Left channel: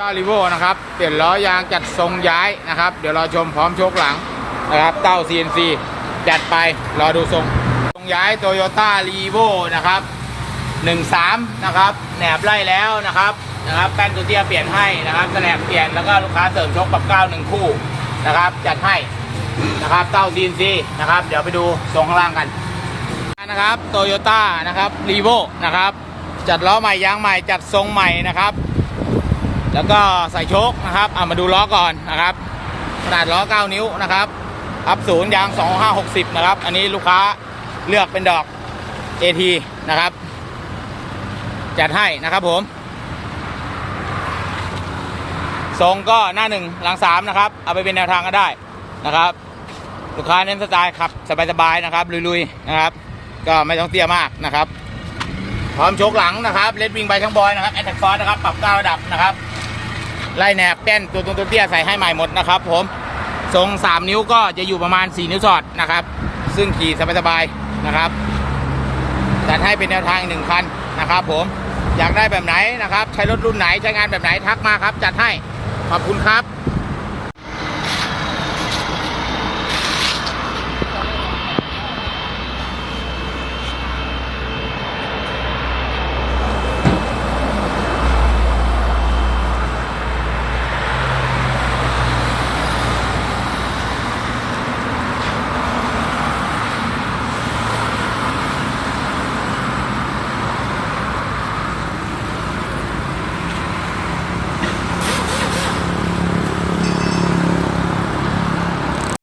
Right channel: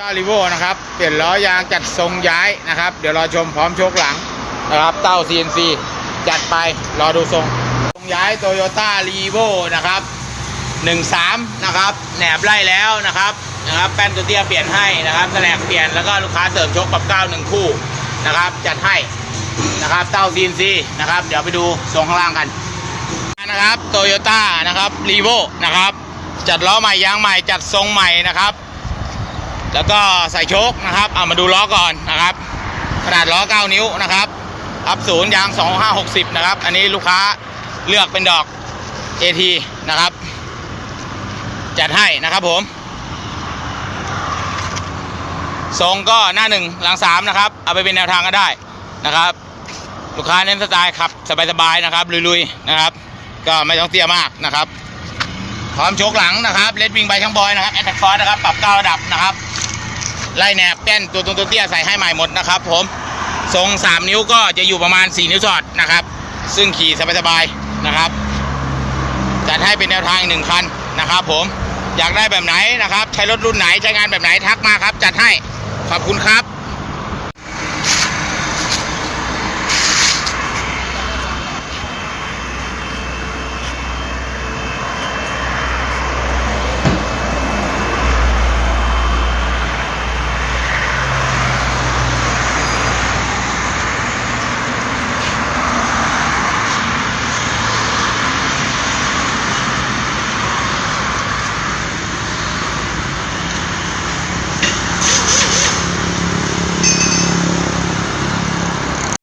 ต้าริโวนะครับ เปลี่ยนล้อยางจัดทรงย้ายนะครับ เดี๋ยวรอชมพร้อมโชคหลังนะครับเต้า CNC จัดไปรอดูทรงทรงย้ายโตโยต้ารีโวนะครับ13นะครับแหนบไล่แล้วนะครับนะครับแป้นตัวเตี้ยเปลี่ยนให้นะครับแสลกเปลี่ยนแล้วก็ลูกค้าเสริมชกกับ9หนึ่งคู่นะครับ จัดให้นะครับเต้า CNC นะครับ เดี๋ยวไปดูทรงข้างล่างกันนะครับโตโยต้านะครับรีโวนะครับจัดล้อใหม่ยางใหม่จัดทรงใหม่นะครับ แล้วก็ใส่โชคนะครับ เอามาดูล้อก่อนนะครับ ขนาดล้อ 9 นิ้วนะครับอัพศูนย์ยาง 2560 นะครับ อันนี้ลูกค้าเลือกเป็นดอก AT นะครับ จัดให้นะครับผมทรงก็หน้าหนึ่งหลังสามนะครับ เอาไปเป็นแนวทางก็ได้นะครับ ลูกค้าเน้นสไตล์ขับสบายๆนะครับ ลุยๆนะครับ ก็ไม่ต้องเตี้ยมากนะครับพร้อมโชคหลังนะครับเลดวิงไปทั้งบอยนะครับแอตแทกฟอร์นะครับ ปรับเก้าระดับนะครับ ไล่แนบแป้นตัวตรงตัวเตี้ยใส่ให้ใหม่หมดนะครับ ผมทรง 3 นิ้วก็จะอยู่ประมาณ 4 นิ้วสอดนะครับ ซึ่งขี่สบายๆนะครับจัดให้เป็นแนวทางอีกหนึ่งคันนะครับ ผมอยากได้แบบไหนนะครับ ใช้รถรุ่นไหนใช้งานแบบไหนทักมาครับ จัดให้ขอบคุณครับ